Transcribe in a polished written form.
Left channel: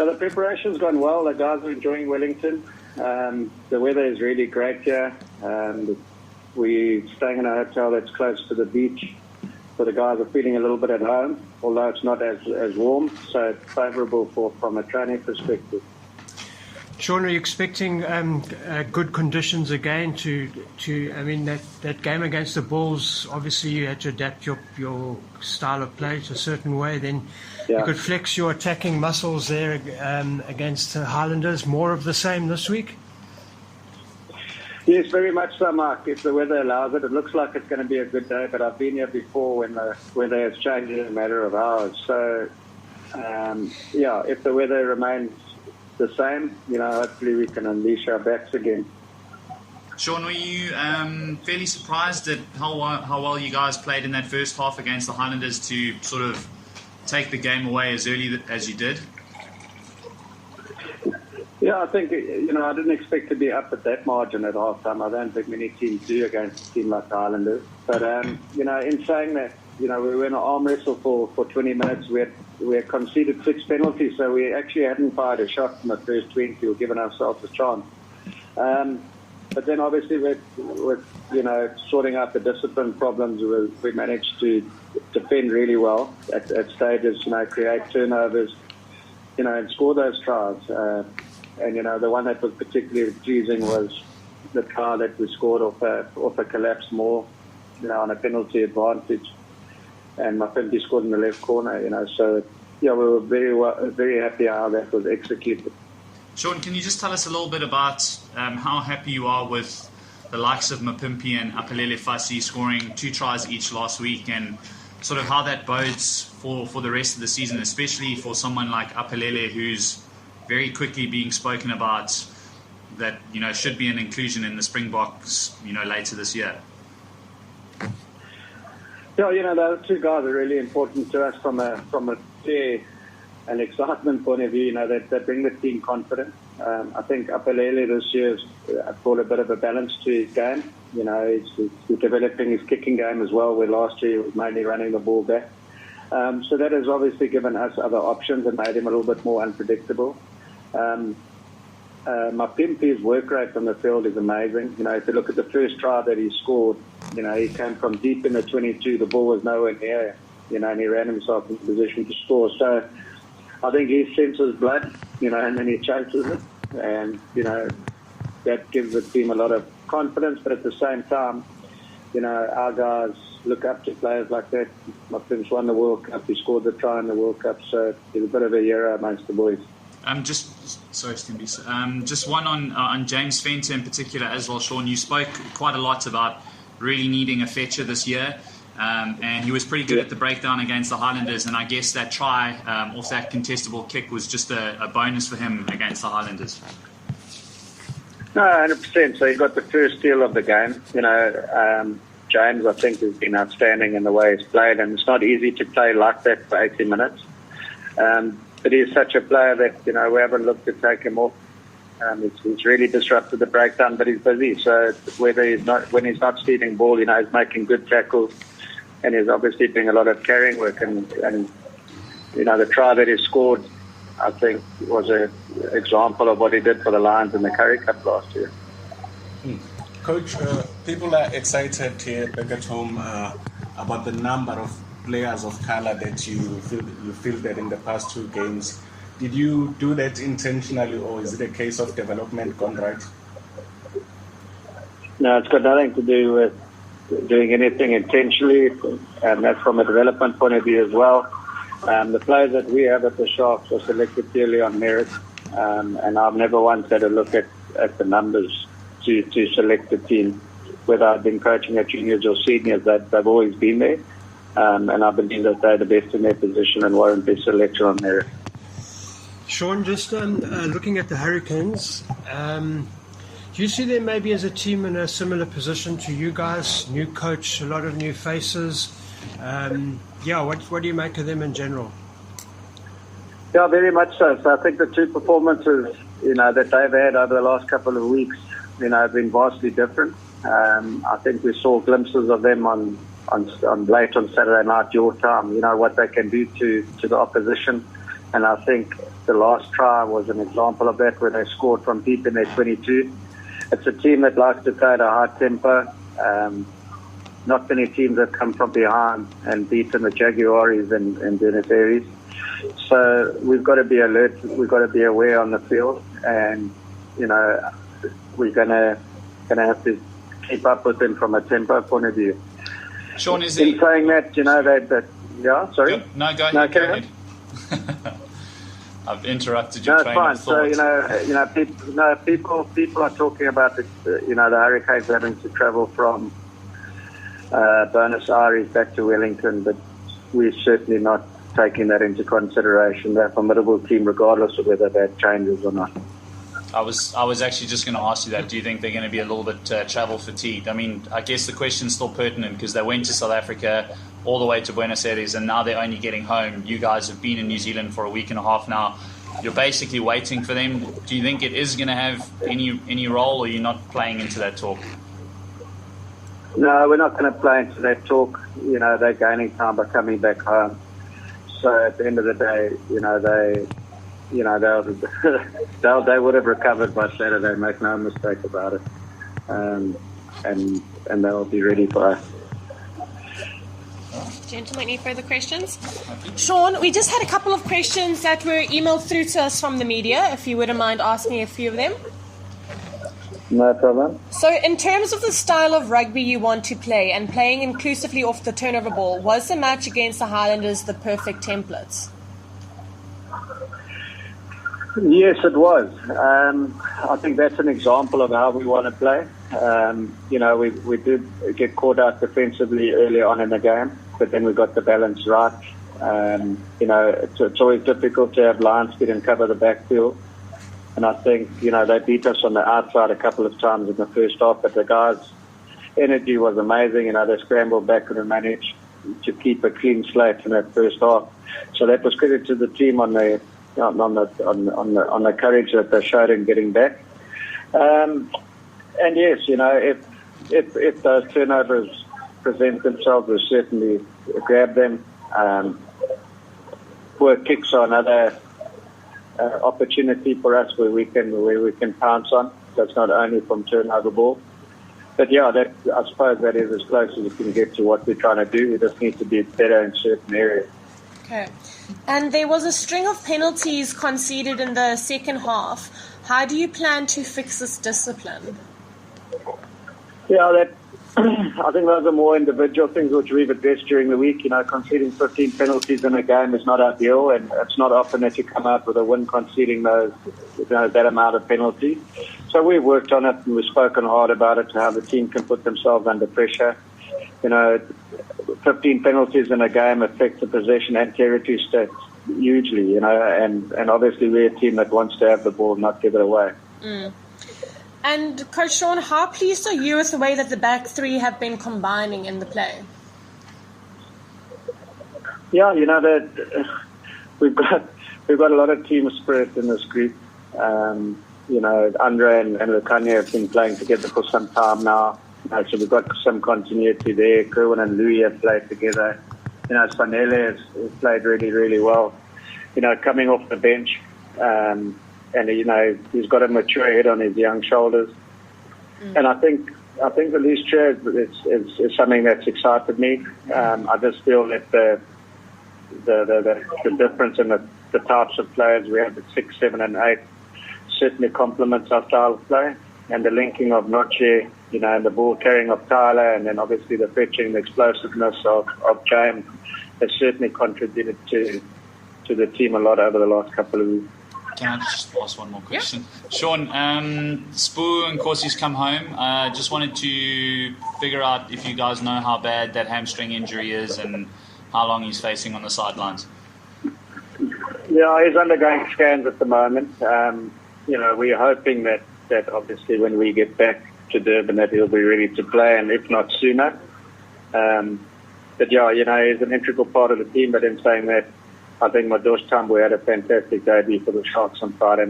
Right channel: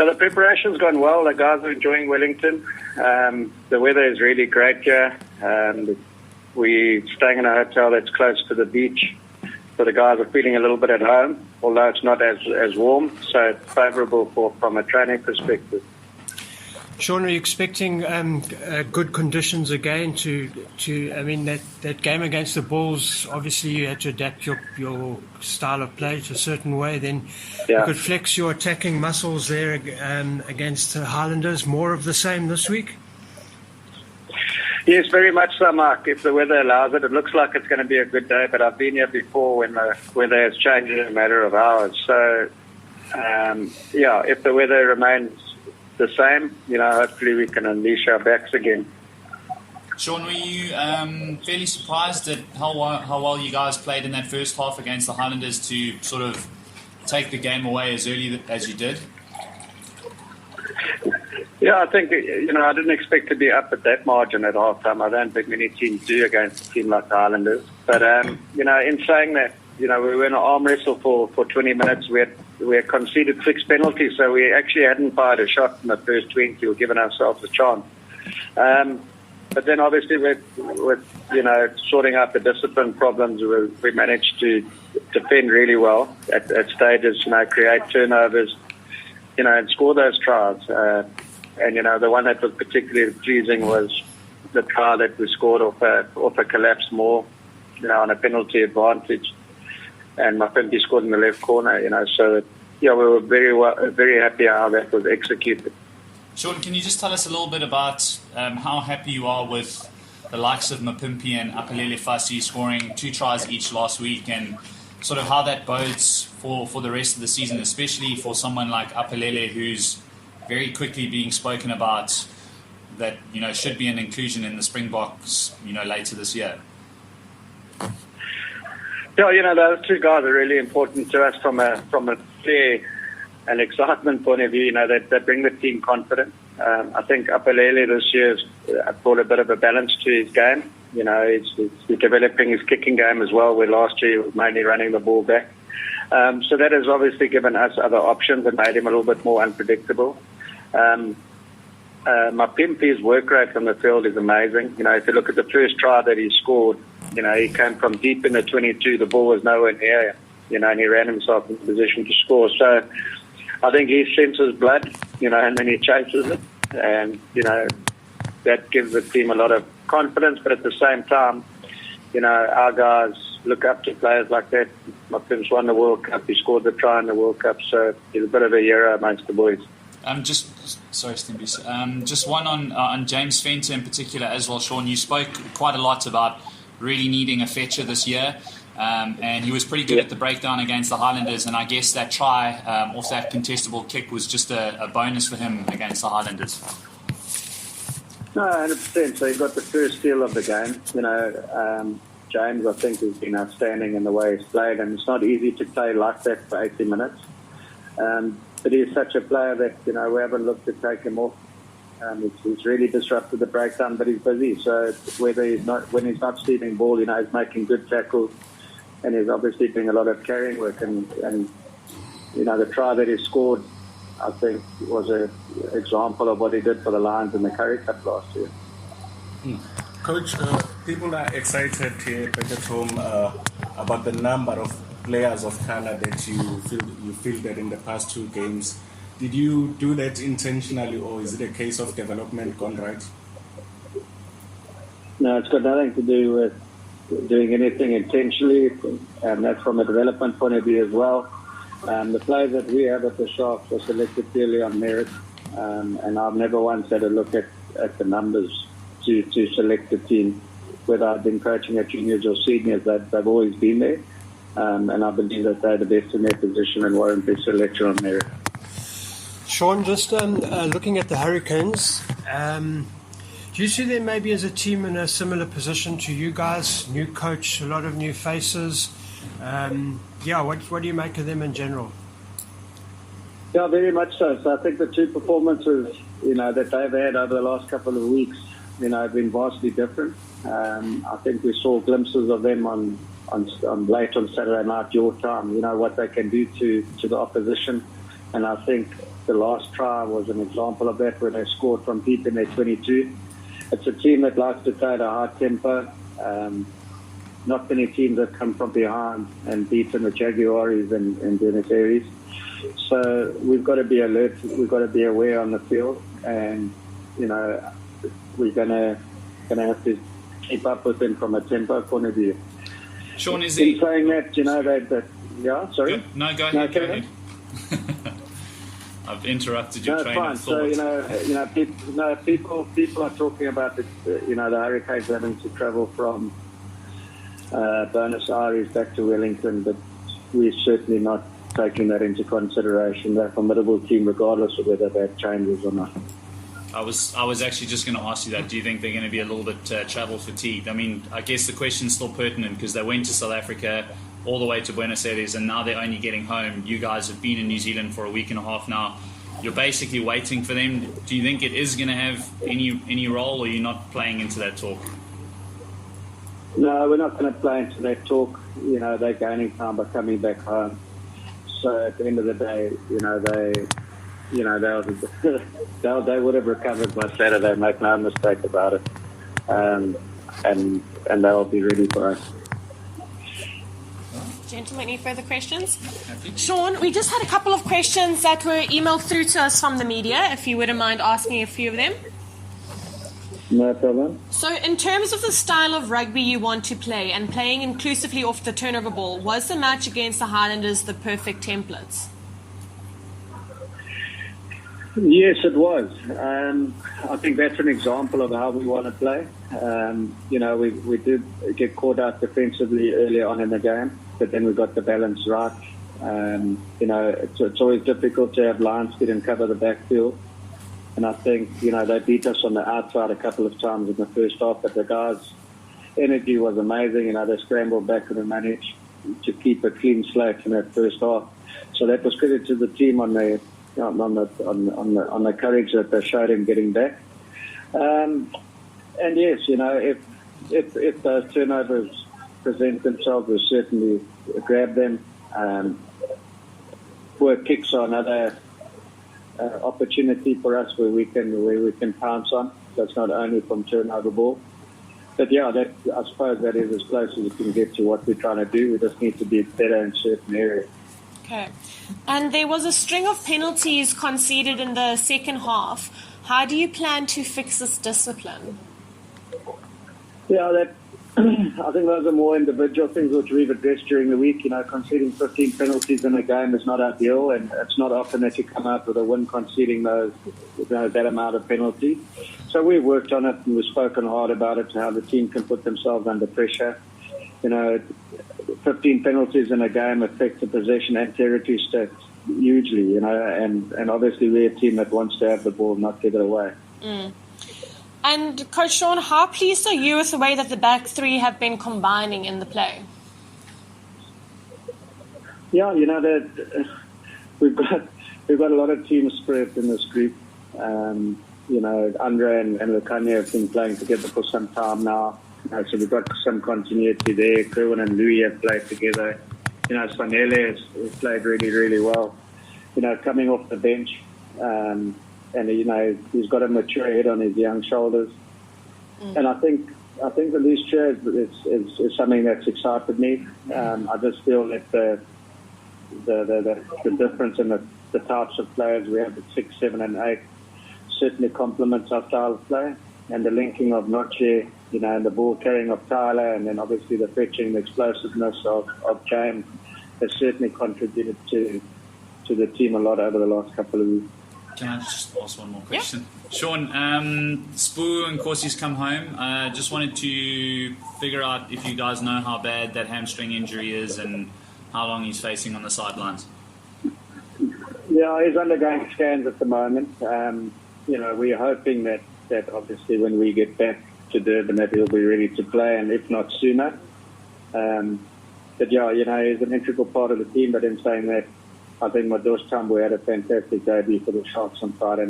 So the preparation's gone well. The guys are enjoying Wellington. The weather is really great here. We're staying in a hotel that's close to the beach. So the guys are feeling a little bit at home, although it's not as warm. So it's favourable from a training perspective. Sean, are you expecting good conditions again I mean, that game against the Bulls, obviously you had to adapt your style of play to a certain way. Then you could flex your attacking muscles there against the Highlanders. More of the same this week? Yes, very much so, Mark. If the weather allows it, it looks like it's going to be a good day. But I've been here before when the weather has changed in a matter of hours. So, if the weather remains the same, hopefully we can unleash our backs again. Sean, were you fairly surprised at how well you guys played in that first half against the Highlanders to sort of take the game away as early as you did? Yeah, I think, I didn't expect to be up at that margin at halftime. I don't think many teams do against a team like the Highlanders. But, in saying that, we were in an arm wrestle for 20 minutes. We had conceded 6 penalties, so we actually hadn't fired a shot in the first 20 or given ourselves a chance. But then obviously with sorting out the discipline problems, we managed to defend really well at stages, create turnovers, and score those tries. And the one that was particularly pleasing was the try that we scored off a collapse maul, on a penalty advantage. And Mapimpi scored in the left corner, so we were very happy how that was executed. Sean, can you just tell us a little bit about how happy you are with the likes of Mapimpi and Apelele Fasi scoring 2 tries each last week, and sort of how that bodes for the rest of the season, especially for someone like Apelele, who's very quickly being spoken about that, should be an inclusion in the Springboks, later this year? Yeah, those 2 guys are really important to us from a fair and excitement point of view. They bring the team confidence. I think Apelele this year has brought a bit of a balance to his game. He's developing his kicking game as well, where last year he was mainly running the ball back. So that has obviously given us other options and made him a little bit more unpredictable. Mapimpi's work rate on the field is amazing. If you look at the first try that he scored, he came from deep in the 22. The ball was nowhere near him, and he ran himself in position to score. So I think he senses blood, and then he chases it. And, that gives the team a lot of confidence. But at the same time, our guys look up to players like that. Mapim's won the World Cup. He scored the try in the World Cup. So he's a bit of a hero amongst the boys. Sorry, Stimpy. Just one on James Venter in particular as well, Sean. You spoke quite a lot about really needing a fetcher this year, and he was pretty good at the breakdown against the Highlanders, and I guess that try off that contestable kick was just a bonus for him against the Highlanders. No, 100%. So he got the first steal of the game. James, I think, has been outstanding in the way he's played, and it's not easy to play like that for 80 minutes. But he's such a player that, we haven't looked to take him off. He's really disrupted the breakdown, but he's busy. So when he's not stealing ball, he's making good tackles, and he's obviously doing a lot of carrying work. And the try that he scored, I think, was an example of what he did for the Lions in the Currie Cup last year. Coach, people are excited here back at home about the number of players of color that you fielded in the past 2 games. Did you do that intentionally, or is it a case of development gone right? No, it's got nothing to do with doing anything intentionally, and that's from a development point of view as well. The players that we have at the Sharks are selected purely on merit, and I've never once had a look at the numbers to select the team. Whether I've been coaching at juniors or seniors, they've always been there. And I believe that they're the best in their position and warrant their selection on merit. Sean, just looking at the Hurricanes, do you see them maybe as a team in a similar position to you guys? New coach, a lot of new faces. What do you make of them in general? Yeah, very much so. So I think the 2 performances, that they've had over the last couple of weeks, have been vastly different. I think we saw glimpses of them on late on Saturday night, your time, what they can do to the opposition. And I think the last try was an example of that, where they scored from deep in their 22. It's a team that likes to play at a high tempo. Not many teams have come from behind and beaten the Jaguares in Buenos Aires. So we've got to be alert. We've got to be aware on the field, and we're gonna have to keep up with them from a tempo point of view. Sean, is in it saying that, yeah, sorry. No, go ahead. Go ahead. I've interrupted your train of thought. So people are talking about the Hurricanes having to travel from Buenos Aires back to Wellington, but we're certainly not taking that into consideration. They're a formidable team, regardless of whether that changes or not. I was actually just going to ask you that. Do you think they're going to be a little bit travel fatigued? I mean, I guess the question's still pertinent because they went to South Africa all the way to Buenos Aires, and now they're only getting home. You guys have been in New Zealand for a week and a half now. You're basically waiting for them. Do you think it is going to have any role, or you're not playing into that talk? No, we're not going to play into that talk. They're gaining time by coming back home. So at the end of the day, they would have recovered by Saturday. Make no mistake about it, and they'll be ready for us. Gentlemen, any further questions? Sean, we just had a couple of questions that were emailed through to us from the media, if you wouldn't mind asking a few of them. No problem. So in terms of the style of rugby you want to play and playing inclusively off the turnover ball, was the match against the Highlanders the perfect template? Yes, it was. I think that's an example of how we want to play. We did get caught out defensively early on in the game, but then we got the balance right. It's always difficult to have line speed and cover the backfield. And I think, they beat us on the outside a couple of times in the first half, but the guys' energy was amazing. They scrambled back and managed to keep a clean slate in that first half. So that was credit to the team on the courage that they showed in getting back. And yes, if those turnovers present themselves, we'll certainly grab them. Work kicks are another opportunity for us where we can pounce on. So it's not only from turnover ball. But yeah, I suppose that is as close as you can get to what we're trying to do. We just need to be better in certain areas. Okay. And there was a string of penalties conceded in the second half. How do you plan to fix this discipline? Yeah, I think those are more individual things which we've addressed during the week. Conceding 15 penalties in a game is not ideal, and it's not often that you come out with a win conceding that amount of penalties. So we've worked on it, and we've spoken hard about it, how the team can put themselves under pressure. 15 penalties in a game affect the possession and territory stats hugely, and obviously we're a team that wants to have the ball, not give it away. Mm. And Coach Sean, how pleased are you with the way that the back three have been combining in the play? Yeah, that we've got a lot of team spirit in this group. Andre and Lukanya have been playing together for some time now. So we've got some continuity there. Kerwin and Louis have played together. Sanele has played really, really well. Coming off the bench. And he's got a mature head on his young shoulders, and I think with these trios, it's something that's excited me. I just feel that the difference in the types of players we have at 6, 7, and 8 certainly complements our style of play, and the linking of Noche, and the ball carrying of Tyler, and then obviously the fetching, the explosiveness of James has certainly contributed to the team a lot over the last couple of weeks. Can I just ask one more question? Yeah. Sean, Spoo and Corsi's come home. Just wanted to figure out if you guys know how bad that hamstring injury is and how long he's facing on the sidelines. Yeah, he's undergoing scans at the moment. We're hoping that obviously when we get back to Durban that he'll be ready to play, and if not sooner. But yeah, he's an integral part of the team, but in saying that, I think Madosh Tambo had a fantastic debut for the Sharks on Friday.